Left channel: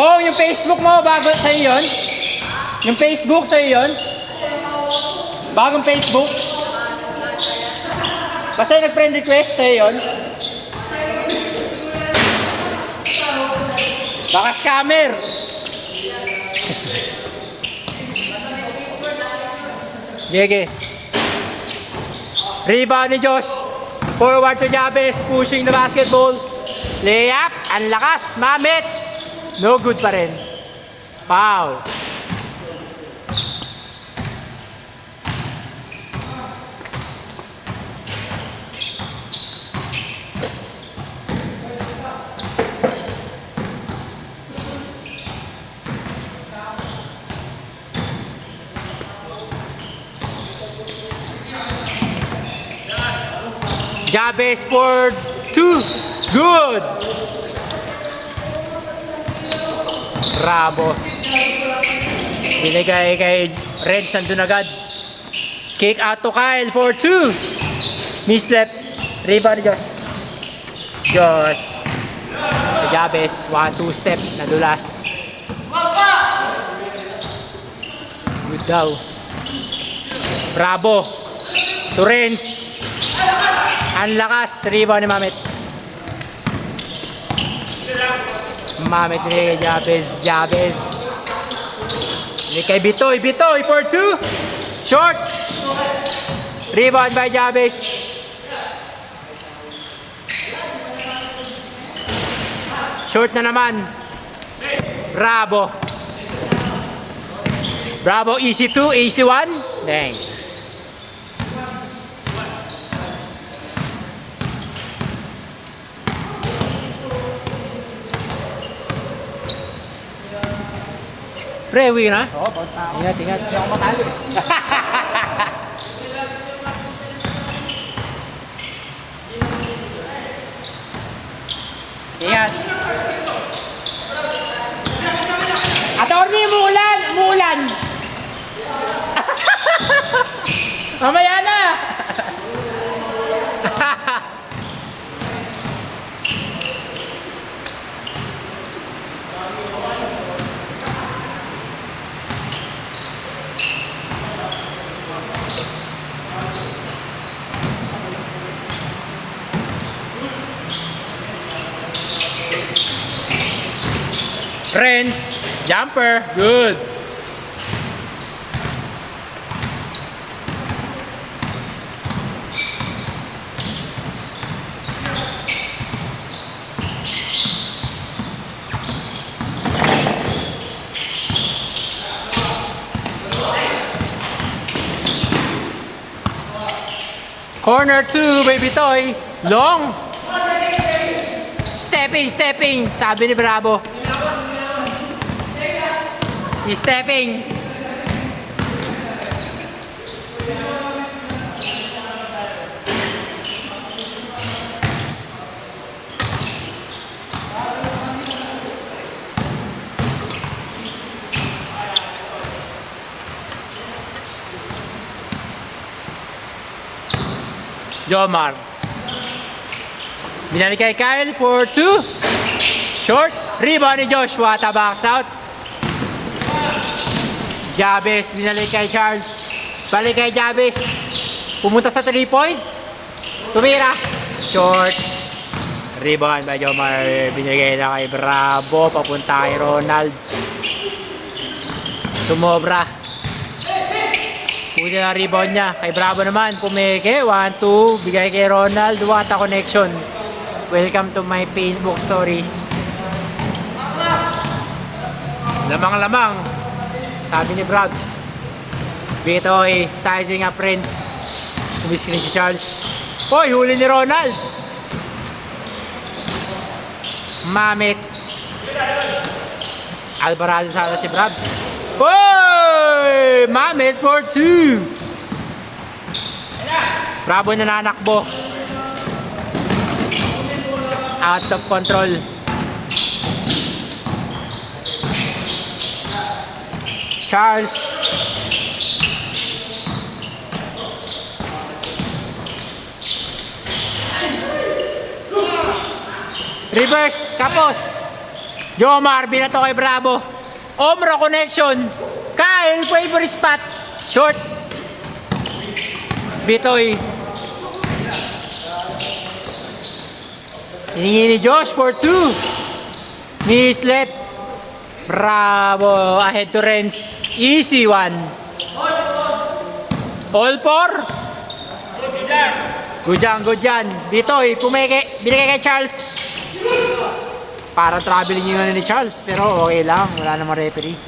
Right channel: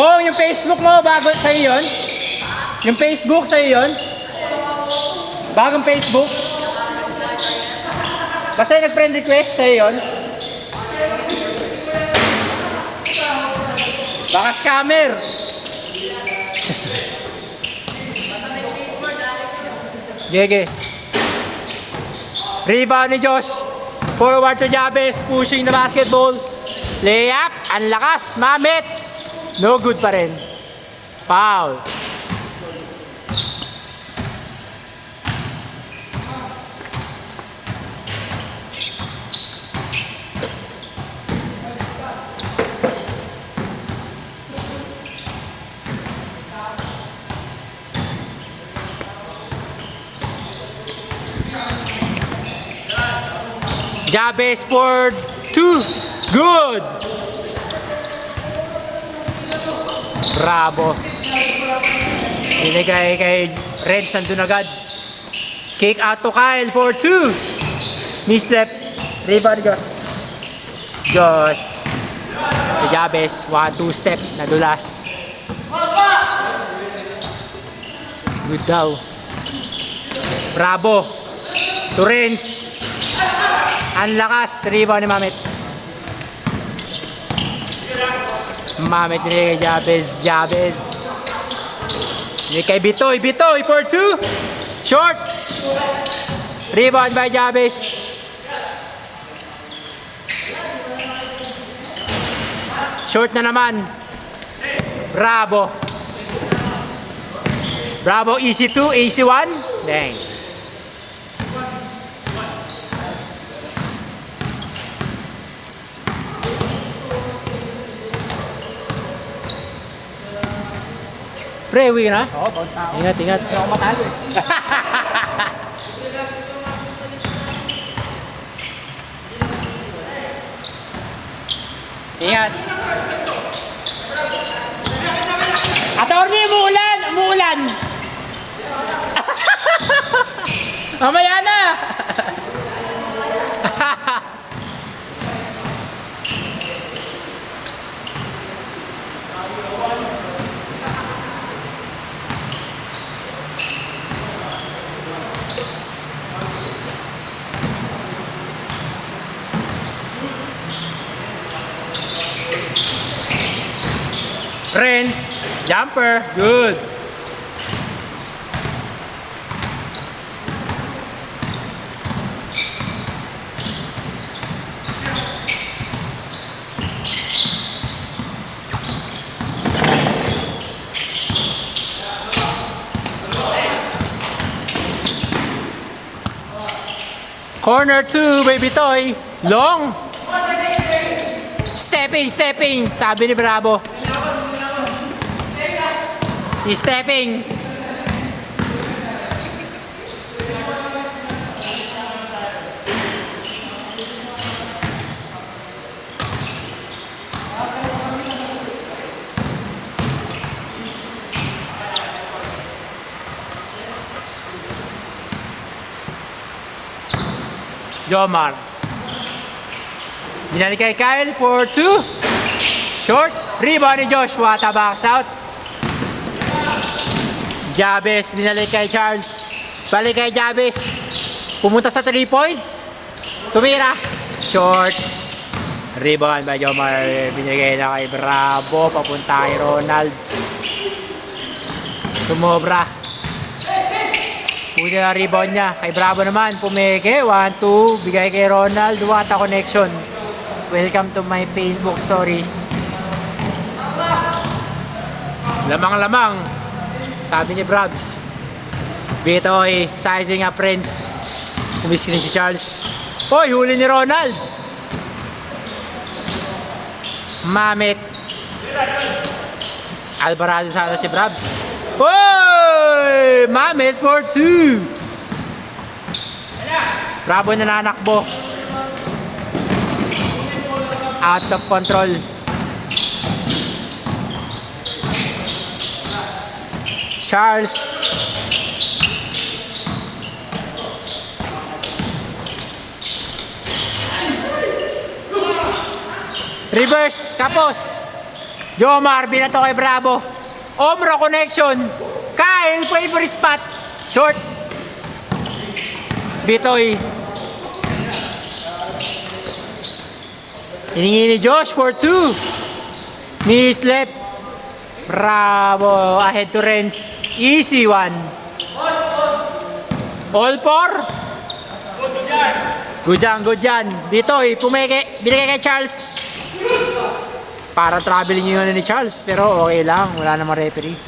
Pong, yung Facebook mo, bago sa'yo yun? Yung Facebook sa'yo yun? Bagong Facebook? Basta yung nag-friend request sa'yo yun? Baka scammer! Gege. Rebound ni Josh. Forward to Jabez, pushing the basketball. Layup, ang lakas, Mamit. No good pa rin. Foul. Jabez for 2. Good. Bravo. Binigay kay Reds, nandun agad. Kick out to Kyle for 2. Mislep. Rebound Josh. Josh. Jabez, 1-2 step. Nadulas. Good daw. Bravo. To Renz. Ang lakas. Rebound ni Mamit. Mamit rin kay Jabez. Jabez. Rin kay Bitoy. Bitoy for 2. Short. Rebound by Jabez. Short na naman. Bravo. Bravo. Easy 2. Easy 1. Dang. Pre, uwi na? Oo, bounce na ako. Ingat, ingat. Hindi ako matalo eh. Ingat. Attorney, umuulan! Umuulan! Mamaya na! Renz, jumper, good. Corner 2, baby toy, long. Stepping, stepping, sabi ni Bravo. He's stepping. Jomar. Binalik kay Kyle for 2. Short. Rebound ni Joshua. Tabaks out. Jabez, binalik kay Charles. Balik kay Jabez. Pumunta sa 3 points. Tumira. Short. Rebound by Jomar. Binigay na kay Bravo. Papunta kay Ronald. Sumobra. Puti na rebound niya. Kay Bravo naman. Pumeke. 1-2. Bigay kay Ronald. Wata connection. Welcome to my Facebook stories. Lamang-lamang. Sabi ni Brabs. Bitoy, sizing up Renz. Kumiskin si Charles. Hoy, huli ni Ronald. Mamit. Alvarado sa si Brabs. Hoy! Mamit for 2. Bravo na nanakbo. Out of control. Charles. Reverse, kapos. Jomar, binato kay Bravo. Omro connection. Kyle, favorite spot. Short. Bitoy. Hiningi ni Josh for 2. Mislep. Bravo. Ahead to Renz. Easy one. All four. Good yan. Bitoy, pumeke. Binigay kay Charles. Parang traveling yun ni Charles. Pero okay lang. Wala namang referee.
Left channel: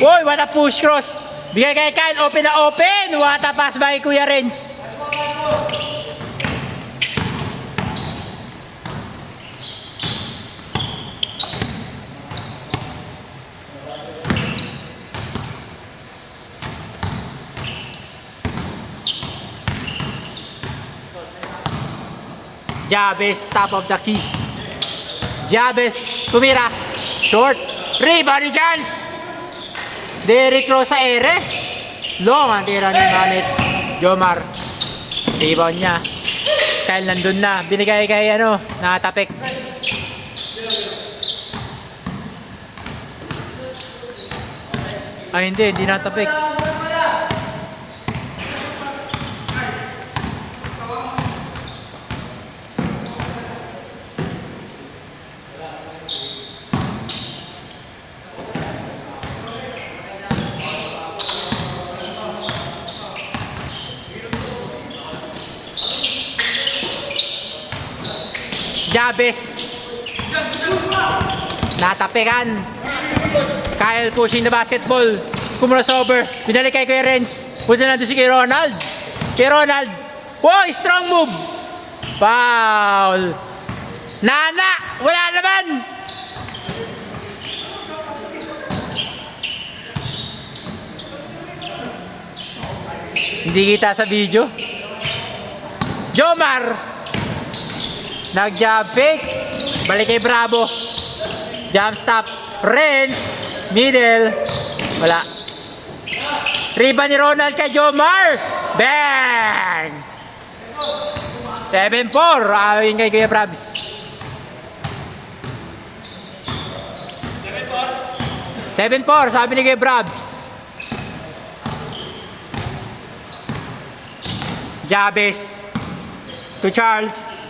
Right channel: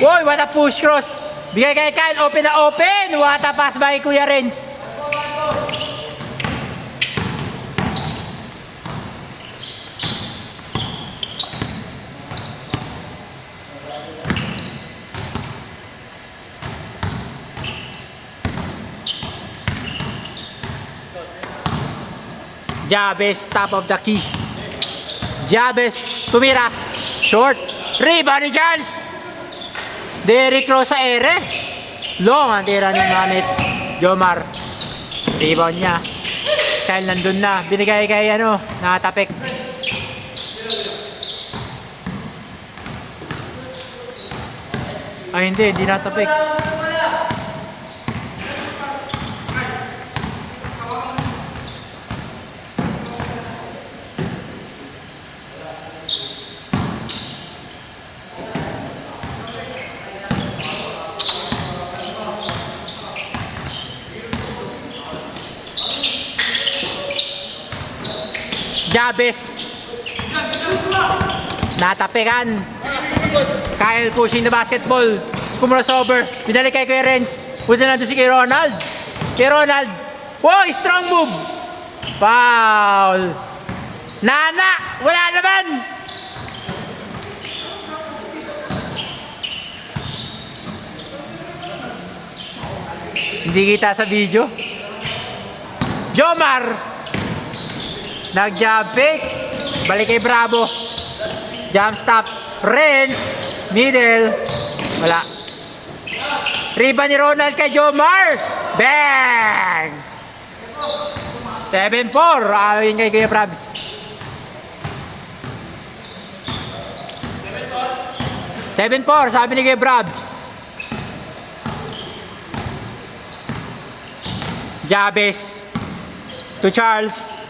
Woy, what a push cross. Bigay kay Kyle. Open na open. What a pass by Kuya Renz. Jabez, top of the key. Jabez, tumira. Short. Rebound ni Charles. Derrick Rose sa ere. Long ang tira ng Manets. Jomar. Rebound niya. Kyle nandun na. Binigay kay nakatapik. Ay hindi natapik. Jabez. Natapikan. Kyle pushing the basketball. Crossover. Binalik kay Renz. Punta na doon si kay Ronald. Wow, strong move. Foul. Nana, wala naman. Hindi kita sa video. Jomar. Nag-jump fake. Balik kay Bravo. Jump stop. Renz. Middle. Wala. Rebound ni Ronald kay Jomar. Bang! 7-4. Awin kay Kuya Prabs. 7-4. Sabi ni Kuya Prabs. Jabez. To Charles.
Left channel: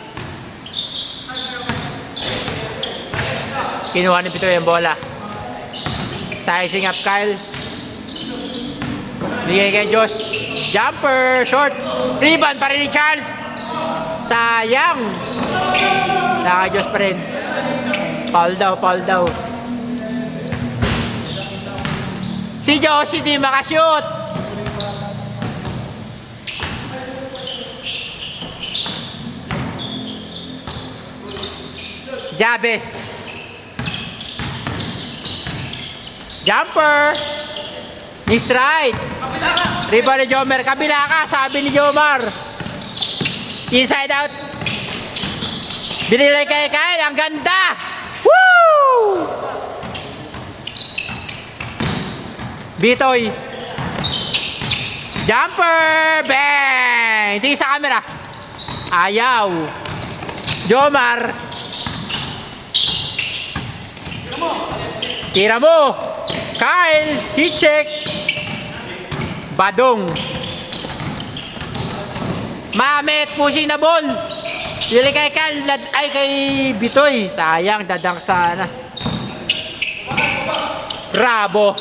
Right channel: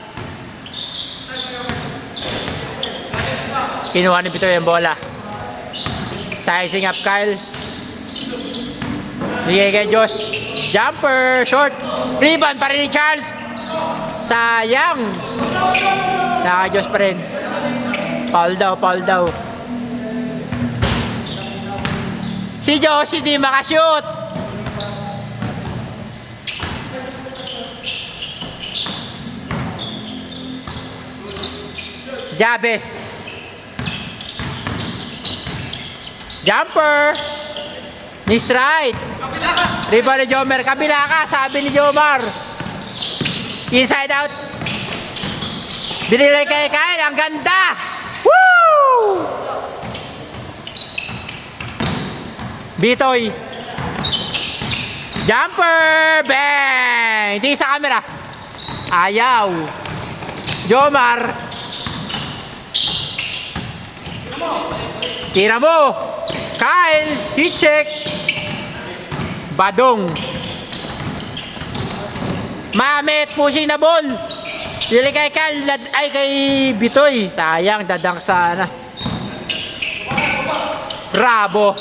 Kinuha ni Pito yung bola. Sizing up Kyle. Bigay kay Josh. Jumper. Short. Rebound pa rin ni Charles. Sayang. Saka Josh pa rin. Foul daw. Si Josh hindi makashoot. Jabez. Jumper. Miss right. Rebound ni Jomar. Kabila ka, sabi ni Jomar. Inside out. Binilay kay Kyle. Ang ganda. Woo! Bitoy. Jumper. Bang! Hindi sa camera. Ayaw. Jomar. Tira mo. Kyle, heat check. Badong. Mamet, pushing na ball. Dili kay Kyle, ay kay Bitoy. Sayang, dadang sana. Bravo.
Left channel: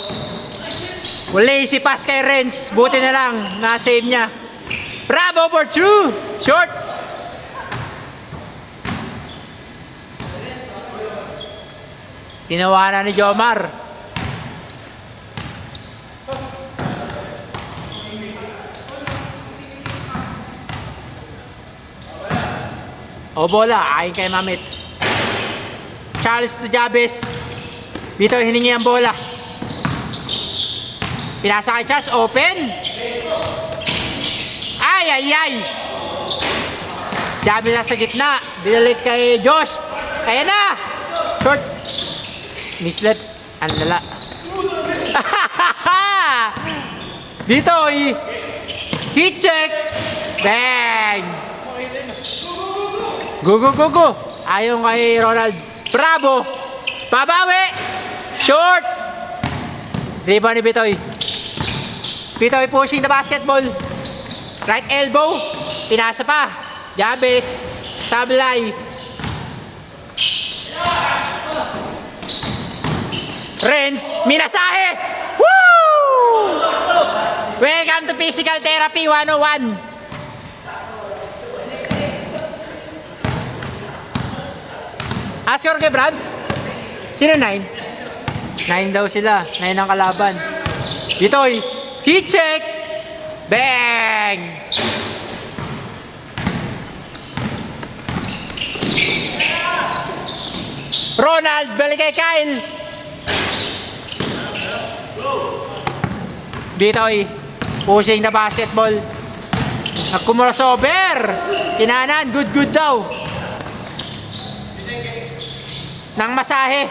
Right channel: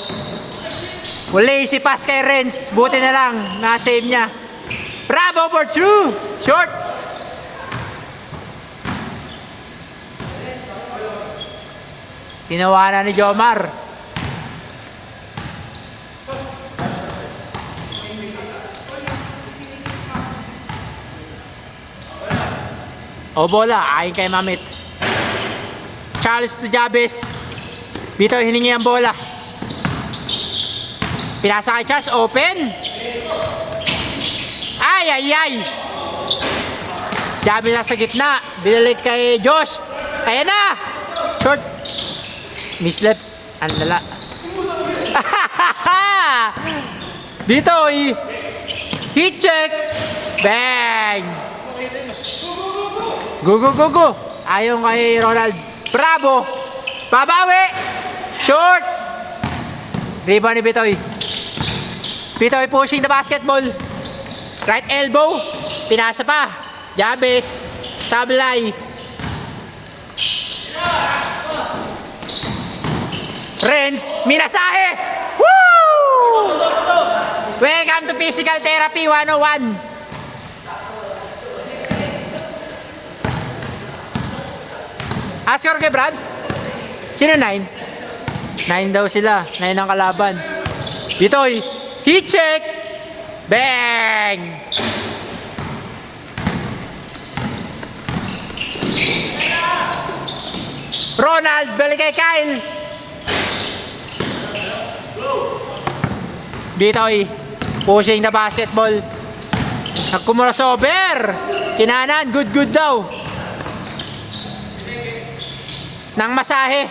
Lazy pass kay Renz. Buti na lang, na-save niya. Bravo for 2. Short. Tinawanan ni Jomar. O bola, ayon kay Mamet. Charles to Jabez. Dito hiningi ang bola. Pinasa kay Charles, open. Ay. Jabez nasa gitna. Binalik kay Josh. Ayan na. Short. Mislep. Ang lala. Dito, heat check. Bang. Go. Ayon kay Ronald. Bravo! Babawi! Short! Rebound ni Bitoy. Bitoy pushing the basketball. Right elbow. Pinasa pa. Jabez. Sablay. Renz. Minasahe! Woo! Welcome to Physical Therapy 101. Ask kay Brabs. Sino 9? 9 daw sila. 9 ang kalaban. Bitoy. Heat check. Bang! Ronald. Balik kay Kyle. Bitoy. Pushing the basketball. Kumurasover. Kinanan. Good daw. Nang masahe.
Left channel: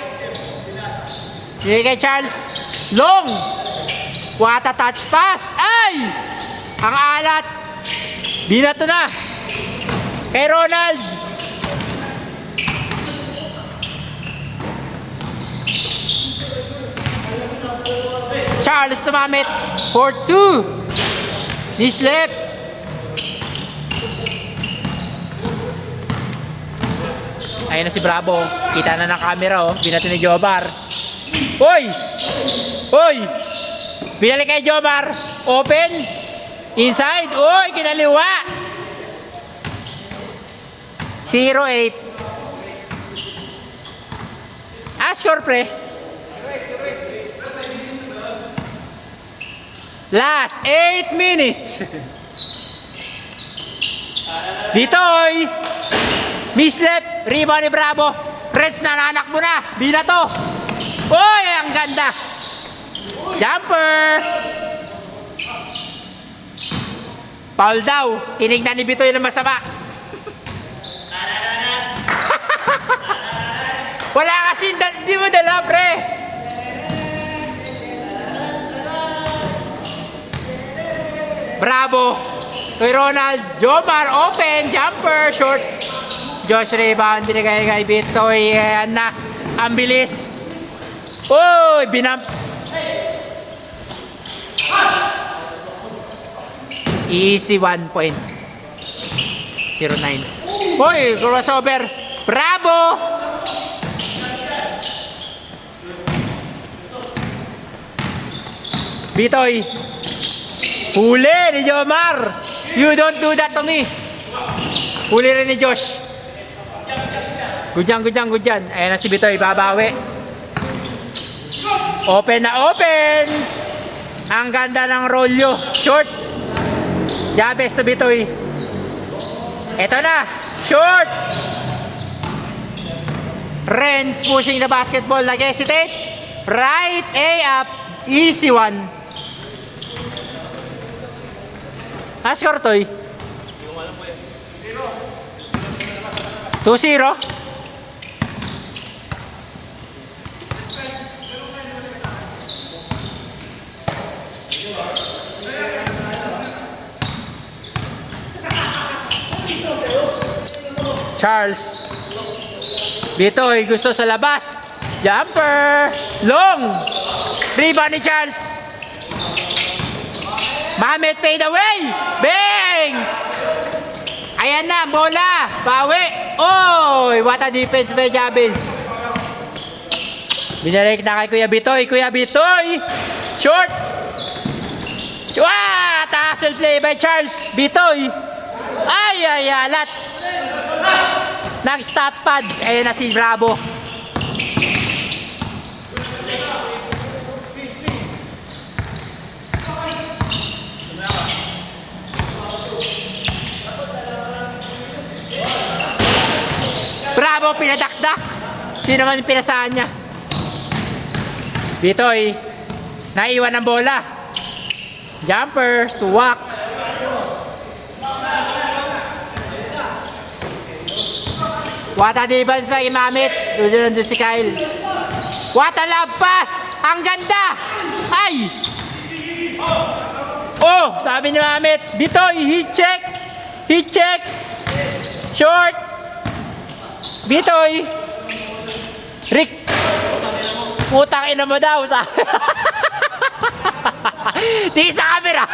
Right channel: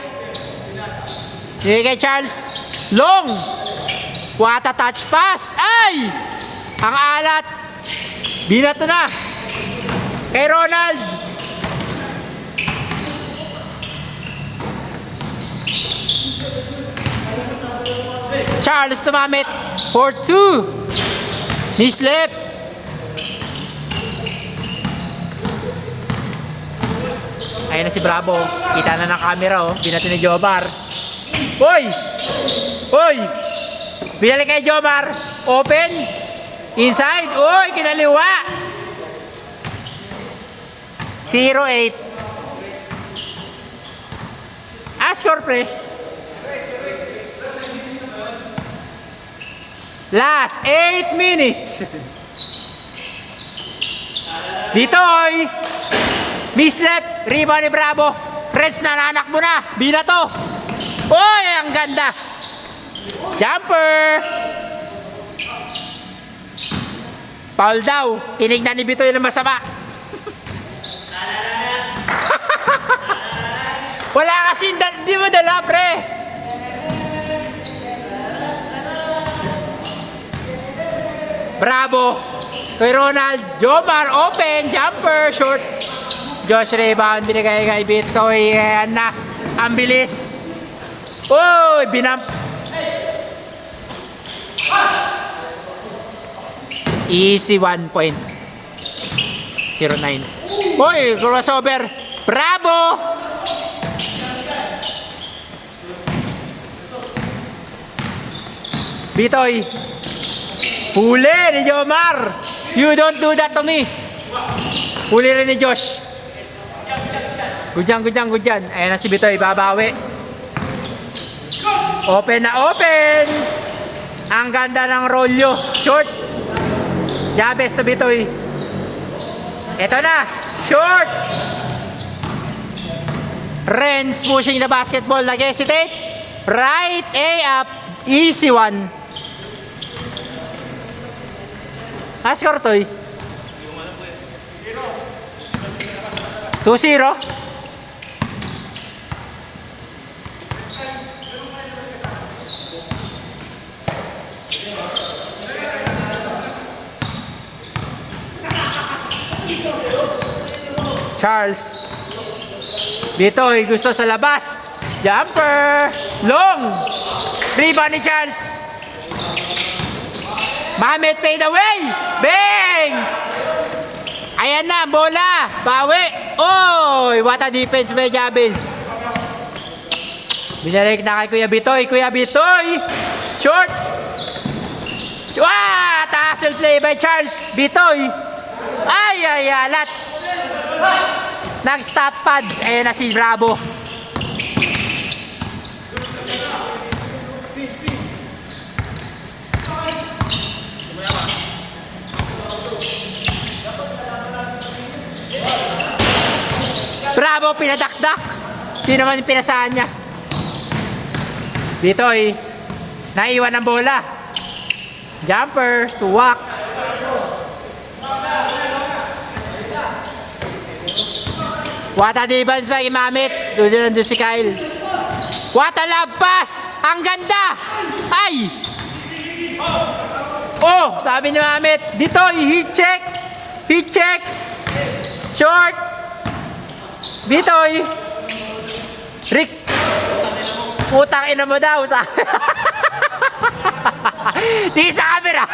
Hindi kay Charles. Long. What a touch pass. Ay! Ang alat. Binato na. Kay Ronald. Charles tumamit. 4-2. Nislip. Ayan na si Bravo. Kita na ng camera, oh. Binato ni Jomar. Hoy! Hoy! Binalik kay Jomar. Open. Inside. Hoy! Kinaliwa. 0-8. Score, pre. Last 8 minutes. Bitoy. Mislep, rebound ni Bravo. Reds na nanak mo na. Binato. Uy, ang ganda. Jumper. Foul daw. Tinignan ni Bitoy na masama. Wala kasi, di mo dala, pre. Bravo. Kay Ronald. Jomar, open. Jumper, short. Josh rebound, binigay kay Bitoy. Ayan na, ang bilis. Uy, binamp. Easy 1 point. 0-9. Uy, crossover. Bravo! Bitoy. Huli ni Jomar. You don't do that to me. Huli rin ni Josh. Good yan. Ayan na si Bitoy, babawi. Open na open. Ang ganda ng rolyo. Short. Jabez sa Bitoy. Ito na. Short. Renz pushing the basketball. Nag-hesitate. Right A up. Easy 1. Score, Toy. 2-0. Charles. Bitoy gusto sa labas. Jumper. Long. Rebound ni Charles. Mamet fade away. Bang! Ayan na, bola. Bawi. Oy, what a defense by Jabez. Binalik na kay Kuya Bitoy. Kuya Bitoy. Short. Tassel play by Charles. Bitoy. Ay, alat. Nag-stop pad. Ayan na si Bravo. Bravo, pinadakdak. Hindi naman yung pinasahan niya. Bitoy. Naiwan ang bola. Jumper. Suwak. What a defense by Mamit. Doon si Kyle. What a love pass. Ang ganda. Ay. Oh, sabi ni Mamit. Bitoy, heat check. Heat check. Short. Bitoy! Rick! Putang ina mo daw sa... Di sa camera!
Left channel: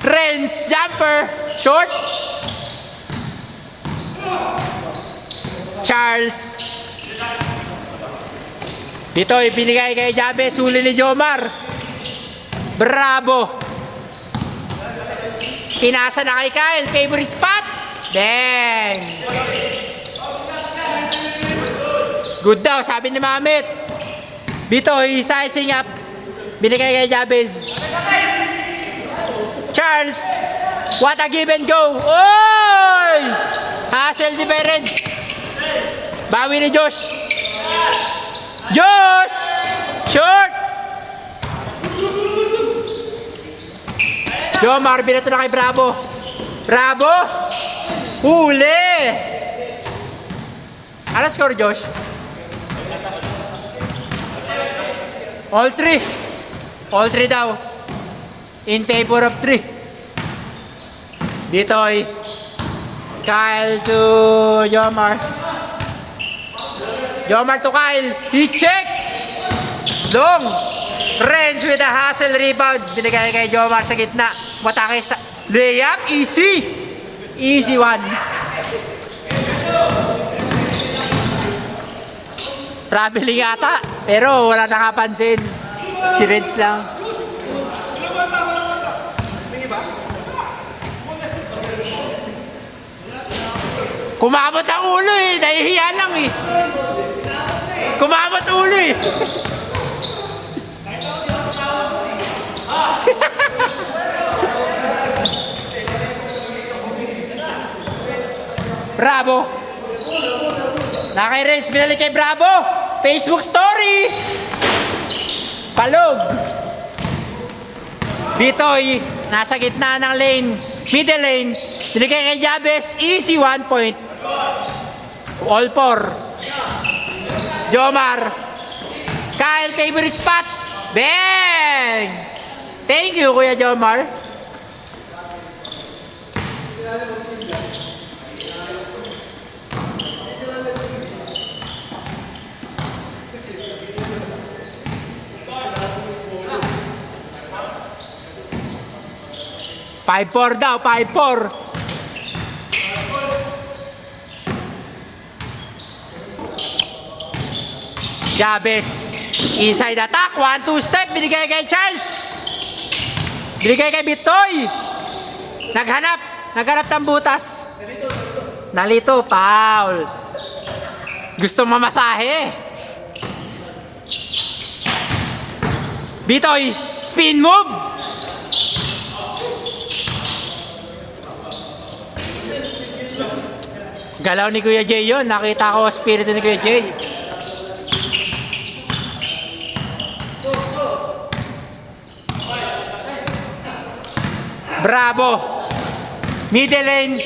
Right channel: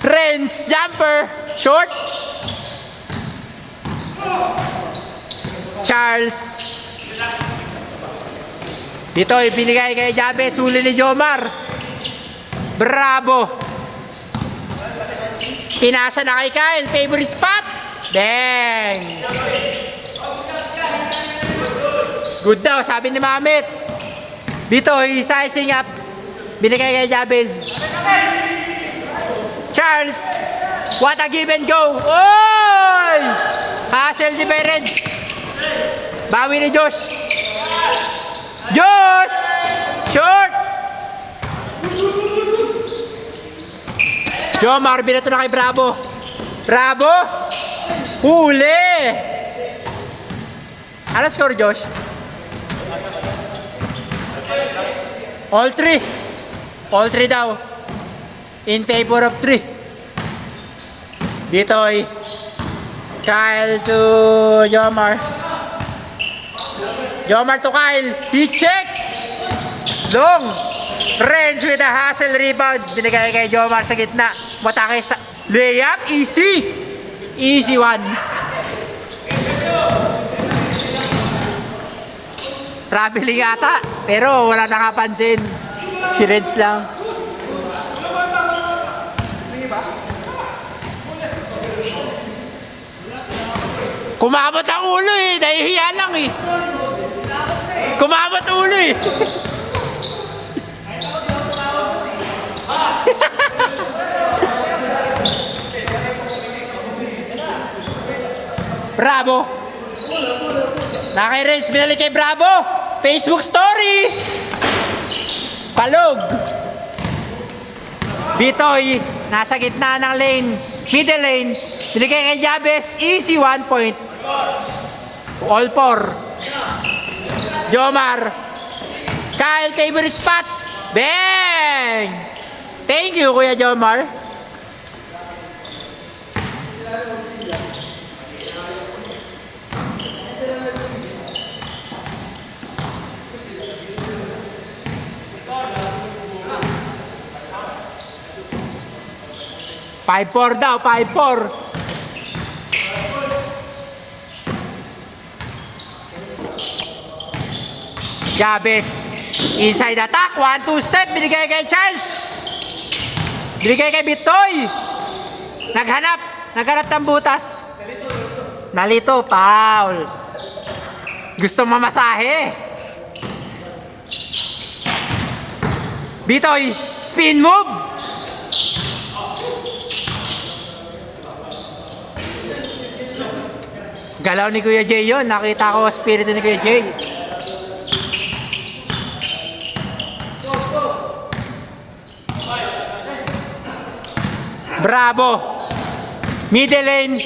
Renz, jumper, short. Charles. Bitoy, binigay kay Jabez, huli ni Jomar. Bravo. Pinasa na kay Kyle, favorite spot. Bang. Good daw, sabi ni Mamit. Bitoy, sizing up. Binigay kay Jabez. Charles, what a give and go. Oy! Hassle difference. Bawi ni Josh. Josh! Short! Jomar, binato na kay Bravo. Bravo! Huli! Ano score, Josh? All three. All three daw. In favor of 3. Bitoy. Kyle to Jomar. Jomar to Kyle. He check. Long. Renz with a hustle rebound. Binigay kay Jomar sa gitna. Matake sa layup. Easy. Easy one. Traveling yata. Pero wala nakapansin. Si Renz lang. Kumabot ang ulo eh. Nahihiya lang eh. Kumabot ang ulo eh. Bravo. Nakay Renz, binalik kay Bravo. Facebook story. Palog. Bitoy, nasa gitna ng lane. Middle lane. Binigay kay Jabez. Easy 1 point. All 4. Jomar. Kyle, favorite spot. Bang! Thank you, Kuya Jomar. Five four daw, 5-4. Jabez. Inside attack. 1-2 step. Binigay kay Charles. Binigay kay Bitoy. Naghanap ng butas. Nalito. Foul. Gusto mamasahe. Bitoy. Spin move. Galaw ni Kuya Jay yun. Nakita ko spirit ni Kuya Jay. Bravo. Middle lane.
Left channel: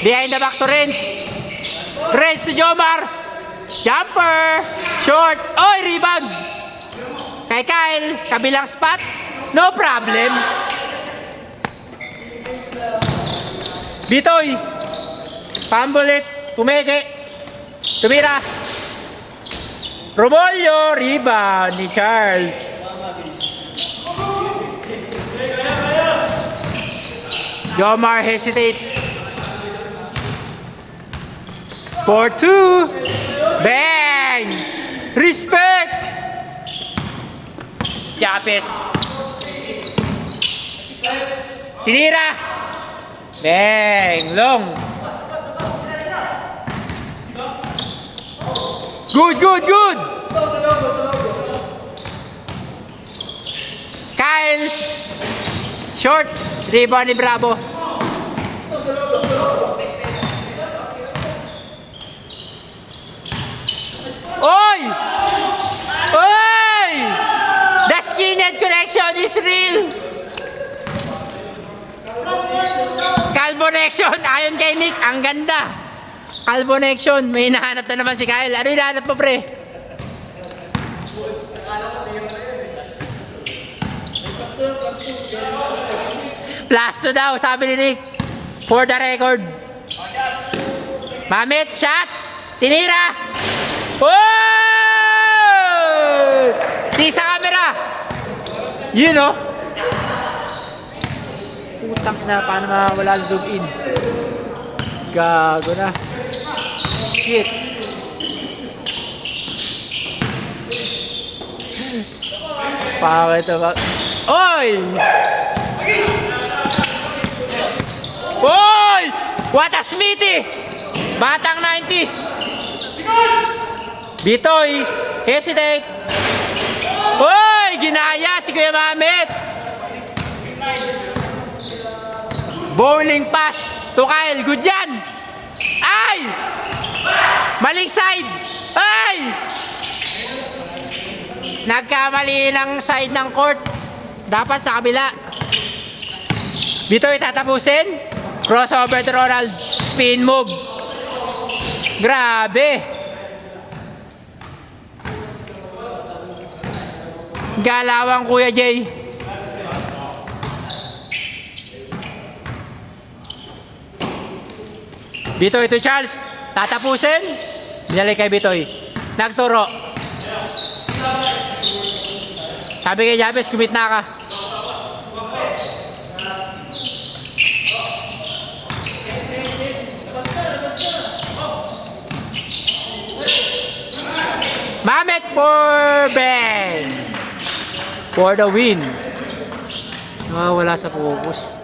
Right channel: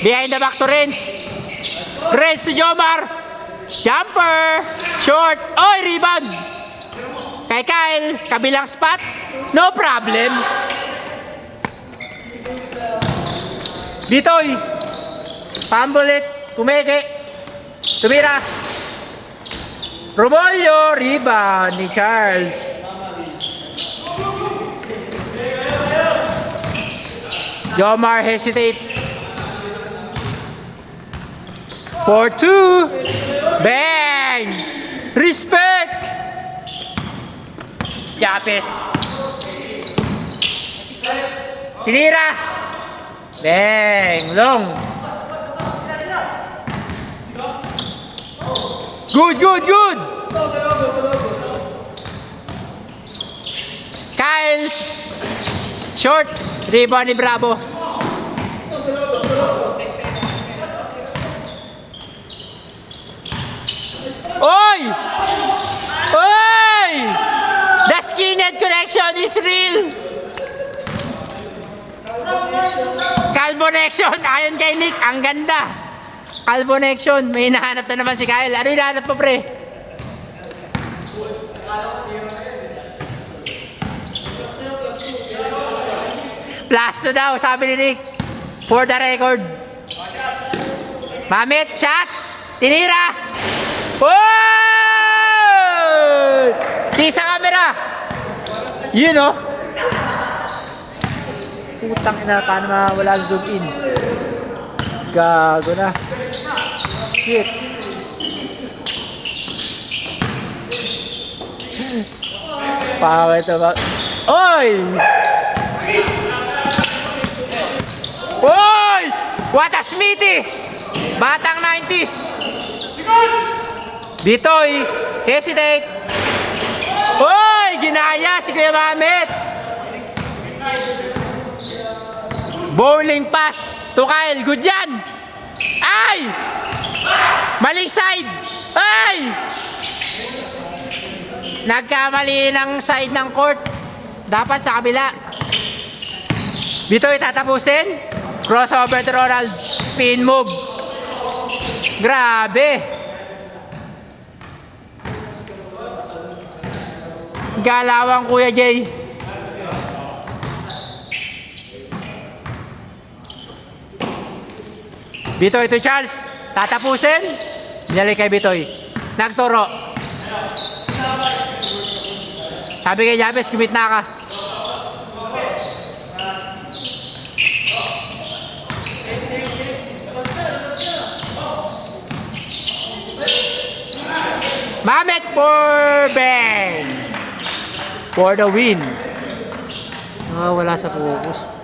Behind the back to Renz. Renz to Jomar. Jumper. Short. Oy, rebound. Kay Kyle. Kabilang spot. No problem. Bitoy. Pambulit. Pumeke. Tumira. Robolio. Rebound ni Charles. Jomar hesitate. 4-2. Bang! Respect! Jabez. Tinira. Bang! Long. Good, good, good! Kyle. Short. Rebound ni Bravo. Oy! Oy! The skinhead connection is real! Calbonection, ayon kay Nick, ang ganda. Calbonection, may hinahanap na naman si Kyle. Ano hinahanap mo, pre? Plus 2 daw, sabi ni Nick. For the record. Mamit, shot! Tinira! Oh! Di sa camera! Yun oh! Putang ina, paano mawala zoom in? Gago na. Shit. Power to back. Oy! Oy! What a Smithy! Batang 90s. Bitoy, hesitate. Oy! Ginaya si Kuya Mamit. Bowling pass to Kyle. Good yan. Ay! Maling side. Ay! Nagkamali ng side ng court. Dapat sa kabila. Bitoy tatapusin. Crossover to Ronald. Spin move. Grabe. Galawang Kuya Jay. Bitoy to Charles. Tatapusin. Binalik kay Bitoy. Nagturo. Sabi kay Jabez, kumit na ka. Mamet for Ben. For the win. Wala sa focus.